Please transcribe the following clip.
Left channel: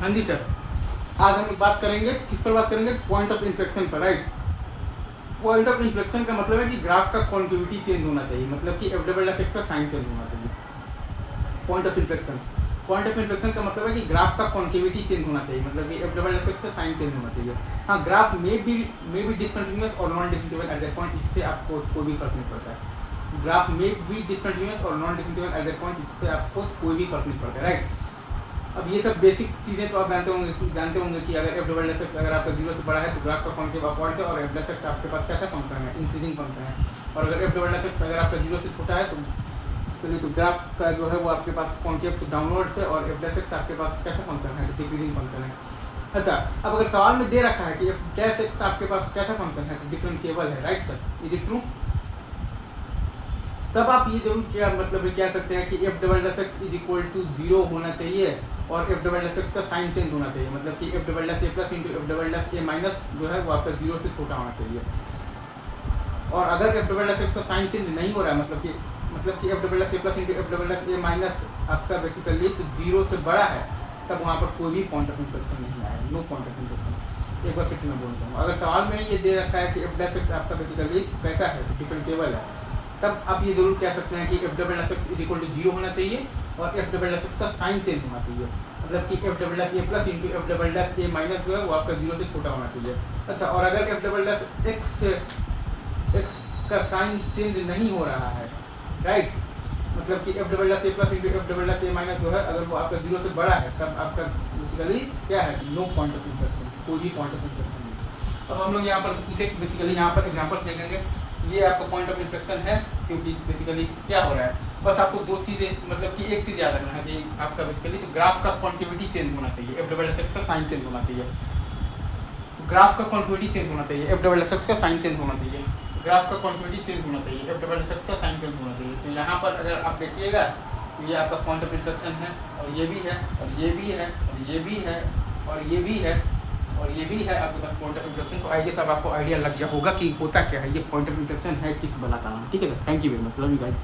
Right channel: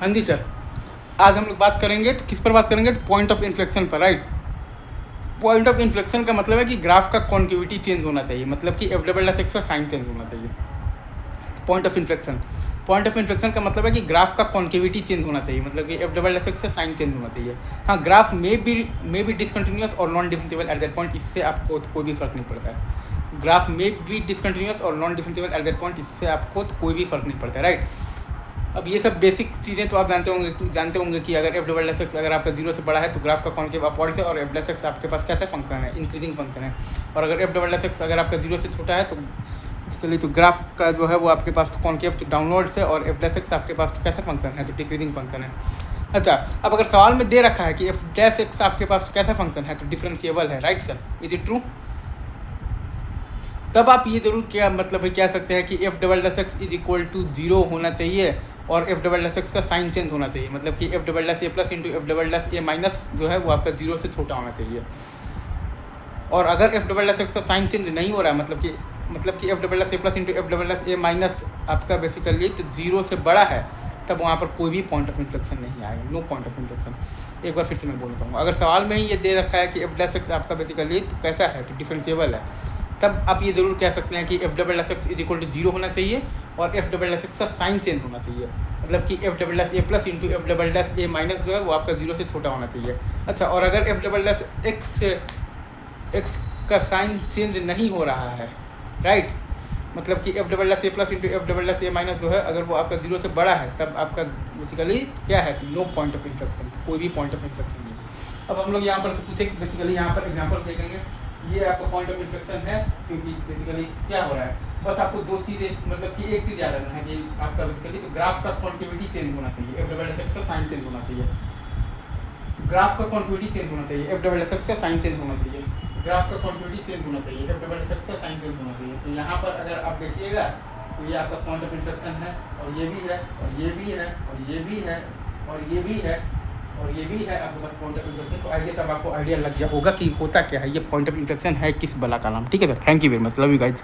हाँ जी सर, आज हम लोग बात करेंगे तो किस पर बात करेंगे, तो पॉइंट ऑफ इन्फ्लेक्शन पर, राइट। पॉइंट ऑफ इन्फ्लेक्शन का मतलब है कि ग्राफ का कॉन्केविटी चेंज होना चाहिए, मतलब कि एफ डबल एस एक्स का साइन चेंज होना चाहिए। पॉइंट ऑफ इन्फ्लेक्शन का मतलब है कि ग्राफ का कॉन्केविटी चेंज होना चाहिए, मतलब कि एफ डबल एस एक्स से साइन चेंज होना चाहिए। हाँ, ग्राफ में भी डिसकंटिन्यूस और non differentiable at that point, इससे आपको कोई भी फर्क नहीं पड़ता है। ग्राफ में भी डिसकंटिन्यूस और non differentiable at that point, इससे आपको कोई भी फर्क नहीं पड़ता है, राइट। अब ये सब बेसिक चीज़ें तो आप जानते होंगे कि अगर एफ डबल एस एक्स अगर आपका 0 से बड़ा है तो ग्राफ का कॉन्केव अपवर्ड है, और एफ डबल एक्स आपके पास कैसा फंक्शन है, इंक्रीजिंग फंक्शन है। और अगर एफ डबल एक्स अगर आपका 0 से छोटा है तो इसके लिए तो ग्राफ का जो है वो आपके पास कॉन्केव तो डाउनवर्ड से, और एफ डबल एक्स आपके पास तो कैसा फंक्शन है, तो डिक्रीजिंग फंक्शन है। अच्छा, अब अगर सवाल में दे रखा है कि एफ डैश एक्स आपके पास कैसा फंक्शन है, तो डिफरेंशिएबल है, right sir, is it true. तब आप ये जरूर क्या मतलब है कह सकते हैं कि f double dash x is equal to 0 होना चाहिए, और एफ डबल डैश एक्स का साइन चेंज होना चाहिए, मतलब कि f double dash a plus into f double dash a minus जो है वो आपका 0 से छोटा होना चाहिए। और अगर एफ डबल डैश एक्स का साइन चेंज नहीं हो रहा है, मतलब कि f double dash a plus into f double dash a minus आपका बेसिकली तो 0 से बड़ा है, तब वहाँ पर कोई भी पॉइंट ऑफ इन्फ्लेक्शन नहीं आएगा, नो पॉइंट ऑफ इन्फ्लेक्शन। एक बार फिर से मैं बोलता हूँ, अगर सवाल में ही ये दे रखा है कि एफ डैश एक्स आपका बेसिकली तो कैसा है, तो डिफरेंशिएबल है, तब आप ये ज़रूर कह सकते हैं कि f double dash x is equal to 0 होना चाहिए, और एफ डबल डैश एक्स का साइन चेंज होना चाहिए, मतलब कि f double dash a plus into f double dash a minus जो है वो आपका 0 से छोटा होना चाहिए। अच्छा, और अगर एफ डबल डैश एक्स का साइन चेंज नहीं हो रहा है, राइट, मतलब कि f double dash a plus into f double dash a minus जो है अगर वो आपका 0 से बड़ा है, तब आपका बेसिकली क्या है, नो पॉइंट ऑफ इन्फ्लेक्शन, कोई भी पॉइंट ऑफ इन्फ्लेक्शन नहीं। अब हम लोग यहाँ पर तो कुछ एक बेसिकली यहाँ पर एग्जाम्पल देखेंगे। ये आपका पॉइंट ऑफ इन्फ्लेक्शन है, क्योंकि बेसिकली क्या हो रहा है, बस आपको दो चीज़ें, मतलब कि एक चीज़ याद रखना है कि आपका बेसिकली तो ग्राफ का कॉन्केविटी चेंज होना चाहिए, एफ डबल एस एक्स का साइन चेंज होना चाहिए। ग्राफ का कॉन्केविटी चेंज होना चाहिए, एफ डबल एस एक्स का साइन चेंज होना चाहिए। ग्राफ का कॉन्केविटी चेंज होना चाहिए, एफ डबल एस एक्स का साइन चेंज होना चाहिए। तो यहाँ पर अगर आप देखिएगा तो ये आपका पॉइंट ऑफ इन्फ्लेक्शन है, और ये भी है, और ये भी है, और ये भी है, और ये भी है, और ये भी है आपके पास पॉइंट ऑफ इन्फ्लेक्शन। तो आइए सब आपको आइडिया लग गया होगा कि होता क्या है, ये पॉइंट ऑफ इन्फ्लेक्शन है किस बला का नाम। ठीक है sir, thank you very much, love you guys.